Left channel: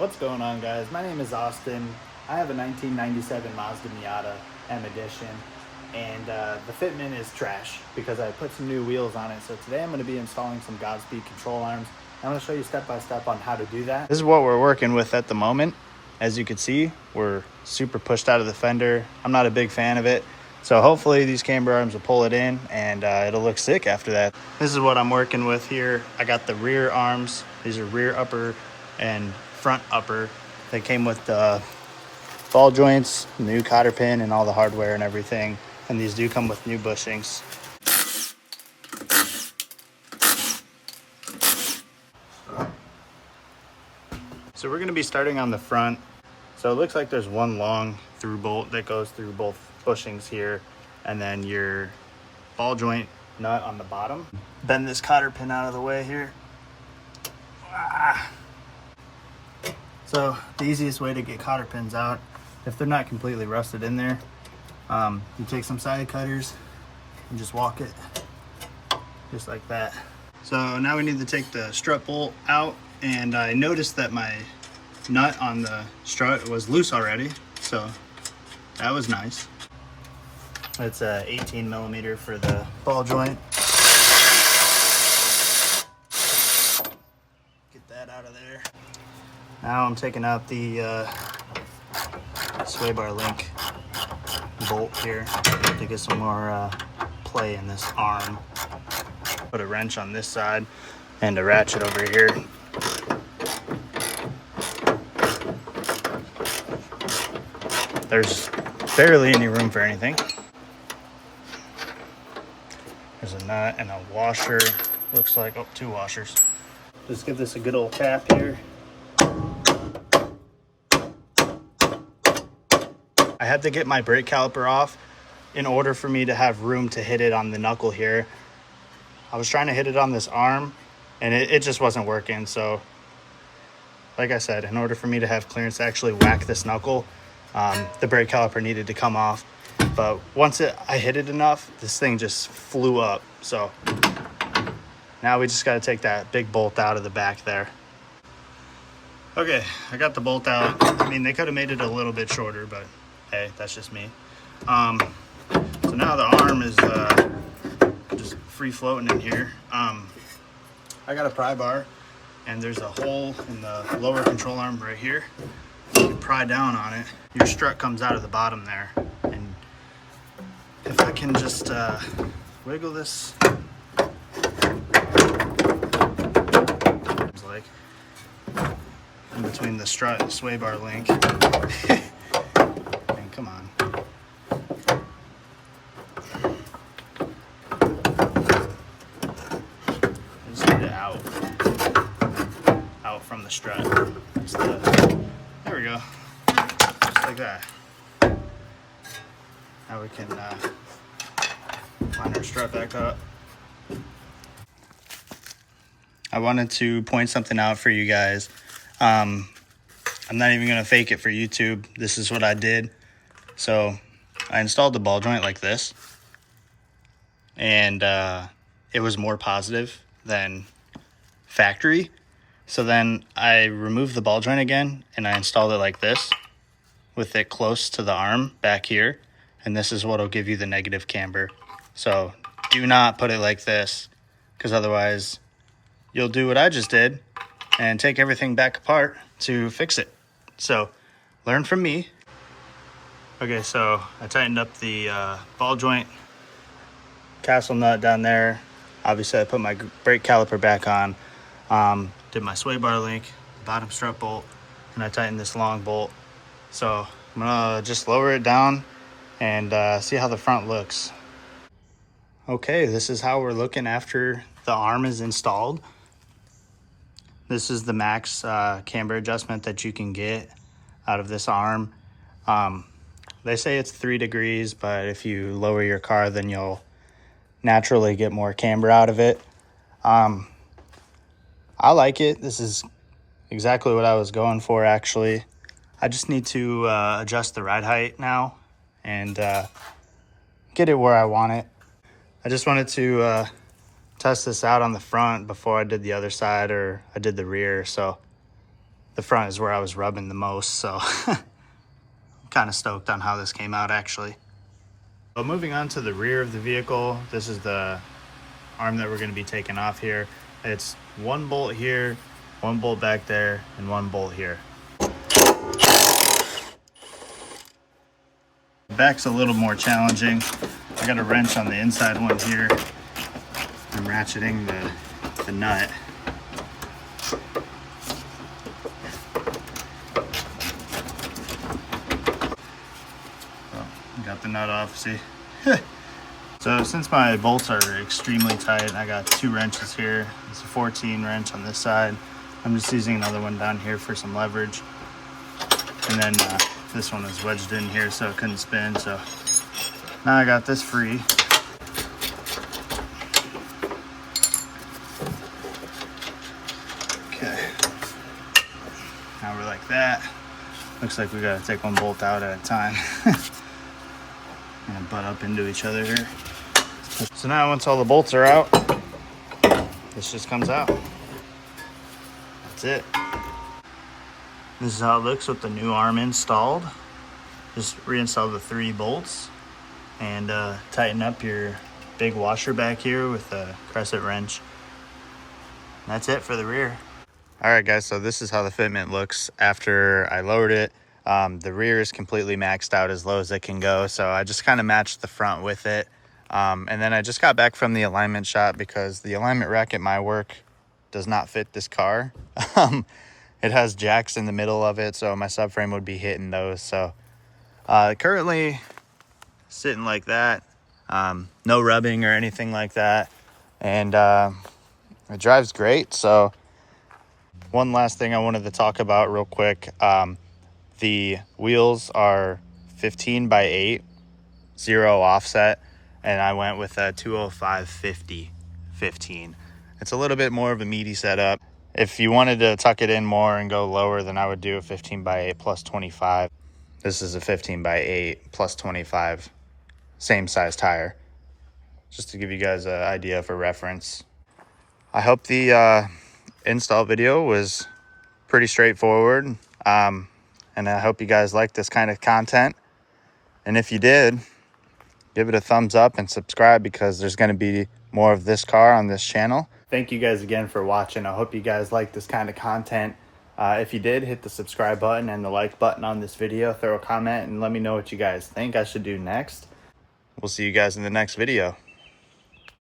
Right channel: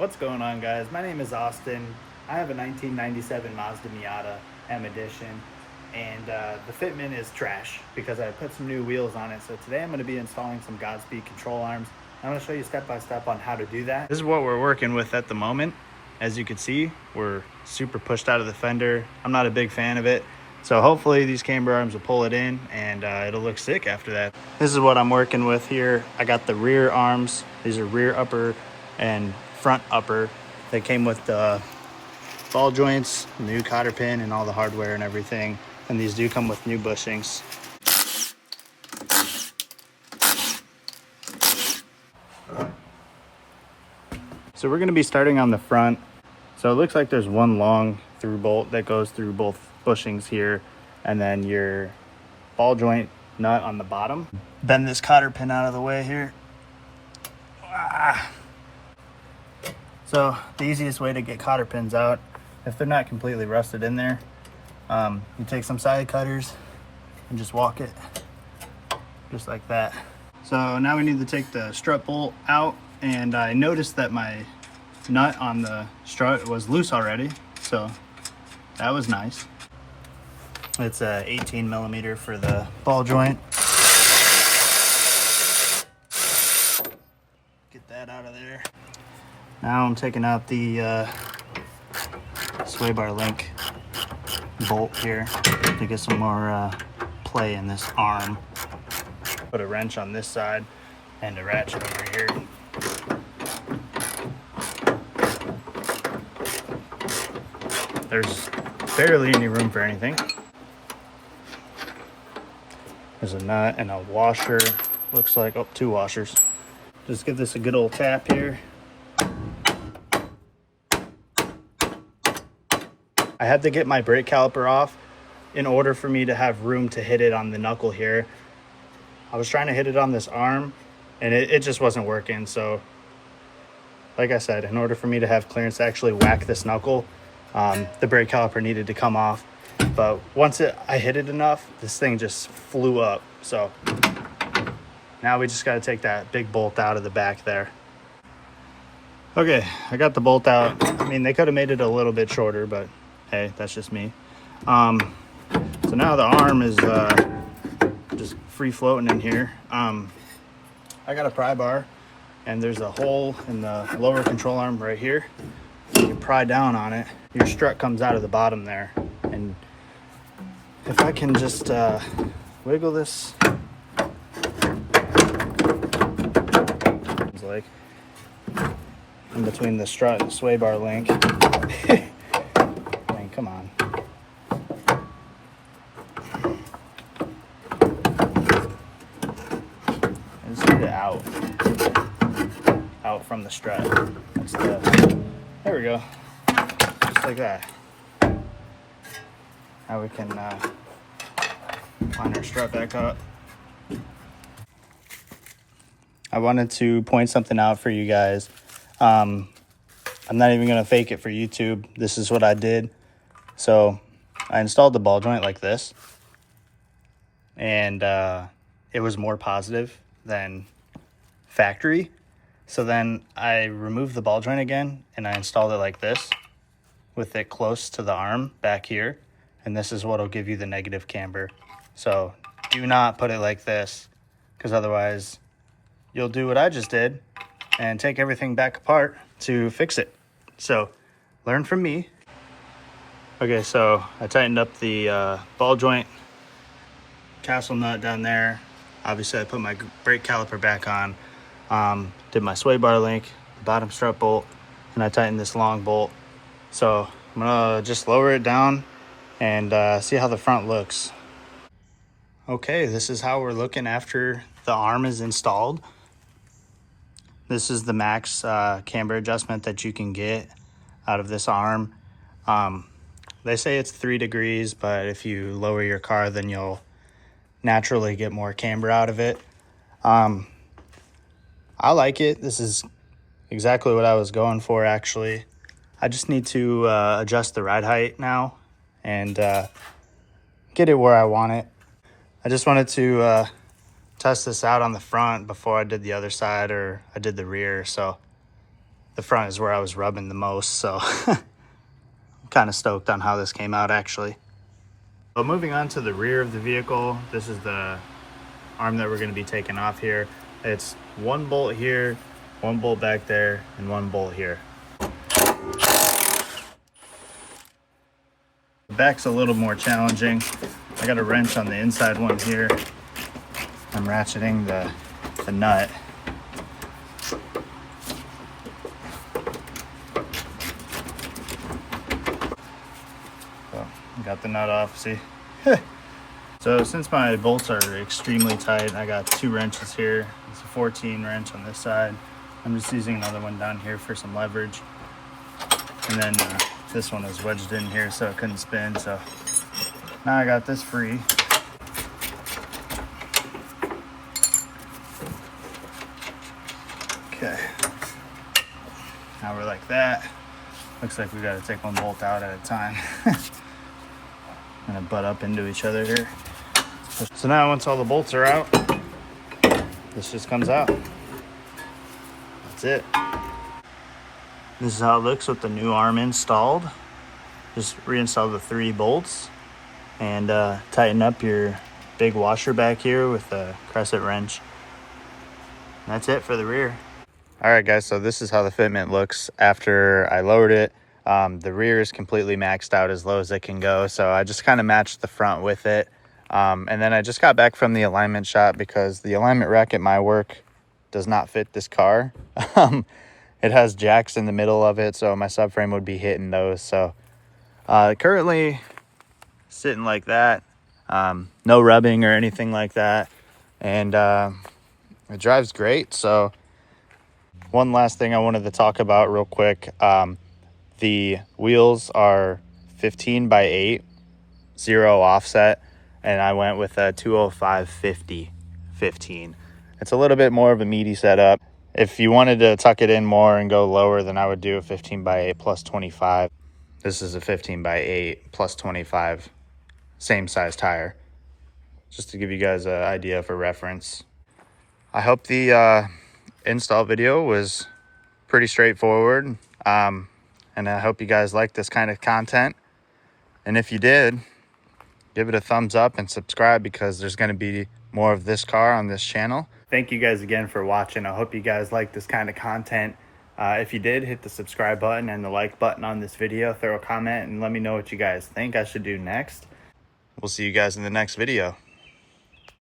What's going on, guys? My name is Austin. I have a 1997 Mazda Miata M Edition, and the fitment is trash because I put some new wheels on it. So today I'm going to be installing some Godspeed control arms. I'm going to show you step by step on how to do that. This is what we're working with at the moment. As you can see, we're super pushed out of the fender. I'm not a big fan of it. So hopefully these camber arms will pull it in, and it'll look sick after that. This is what I'm working with here. I got the rear arms. These are rear upper and front upper. They came with the ball joints, new cotter pin, and all the hardware and everything. And these do come with new bushings. So we're gonna be starting on the front. So it looks like there's one long through bolt that goes through both bushings here, and then your ball joint nut on the bottom. Bend this cotter pin out of the way here. So the easiest way to get cotter pins out, if they're not completely rusted in there, you take some side cutters and just walk it just like that. So now we need to take the strut bolt out, and I noticed that my nut on the strut was loose already, so that was nice. It's a 18 millimeter for the ball joint. Get that out of there. Now I'm taking out the sway bar link bolt here to get some more play in this arm. Put a wrench on this side and a ratchet over here. There's barely any room for anything. There's a nut and a washer. Looks like, oh, two washers. Just give this a good old tap here. I had to get my brake caliper off in order for me to have room to hit it on the knuckle here. I was trying to hit it on this arm and it just wasn't working. So like I said, in order for me to have clearance to actually whack this knuckle, the brake caliper needed to come off. But once I hit it enough, this thing just flew up. So now we just got to take that big bolt out of the back there. Okay, I got the bolt out. I mean, they could have made it a little bit shorter, but hey, that's just me. So now the arm is just free floating in here. I got a pry bar, and there's a hole in the lower control arm right here. You can pry down on it. Your strut comes out of the bottom there, and if I can just wiggle this, it's like in between the strut and the sway bar link. Man, come on. Just get it out from the strut. There we go. Just like that. Now we can line our strut back up. I wanted to point something out for you guys. I'm not even gonna fake it for YouTube. This is what I did. So I installed the ball joint like this, and it was more positive than factory. So then I removed the ball joint again, and I installed it like this with it close to the arm back here. And this is what will give you the negative camber. So do not put it like this, because otherwise you'll do what I just did and take everything back apart to fix it. So learn from me. Okay, so I tightened up the ball joint castle nut down there. Obviously I put my brake caliper back on, did my sway bar link, bottom strut bolt, and I tightened this long bolt. So I'm gonna just lower it down and see how the front looks. Okay, this is how we're looking after the arm is installed. This is the max camber adjustment that you can get out of this arm. They say it's 3 degrees, but if you lower your car, then you'll naturally get more camber out of it. I like it. This is exactly what I was going for, actually. I just need to adjust the ride height now and get it where I want it. I just wanted to test this out on the front before I did the other side, or I did the rear. So the front is where I was rubbing the most, so I'm kind of stoked on how this came out actually. But moving on to the rear of the vehicle, this is the arm that we're going to be taking off here. It's one bolt here, one bolt back there, and one bolt here. The back's a little more challenging. I got a wrench on the inside one here. I'm ratcheting the nut. So got the nut off, see? So since my bolts are extremely tight, I got two wrenches here. It's a 14 wrench on this side. I'm just using another one down here for some leverage. And then this one is wedged in here so it couldn't spin. So now I got this free. Okay. Now we're like that. Looks like we gotta take one bolt out at a time. Gonna butt up into each other here. So now once all the bolts are out, this just comes out. That's it. This is how it looks with the new arm installed. Just reinstall the 3 bolts and tighten up your big washer back here with a crescent wrench. And that's it for the rear. All right guys, so this is how the fitment looks after I lowered it. The rear is completely maxed out as low as it can go, so I just kind of matched the front with it. And then I just got back from the alignment shop because the alignment rack at my work does not fit this car. It has jacks in the middle of it, so my subframe would be hitting those. So currently sitting like that, no rubbing or anything like that, and it drives great. So one last thing I wanted to talk about real quick. The wheels are 15 by 8, 0 offset, and I went with a 205/50 15. It's a little bit more of a meaty setup. If you wanted to tuck it in more and go lower, then I would do a 15 by 8 plus 25. This is a 15 by 8 plus 25, same size tire, just to give you guys an idea for reference. I hope the install video was pretty straightforward. And I hope you guys like this kind of content. And if you did, give it a thumbs up and subscribe because there's going to be more of this car on this channel. Thank you guys again for watching. I hope you guys like this kind of content. If you did, hit the subscribe button and the like button on this video. Throw a comment and let me know what you guys think I should do next. We'll see you guys in the next video.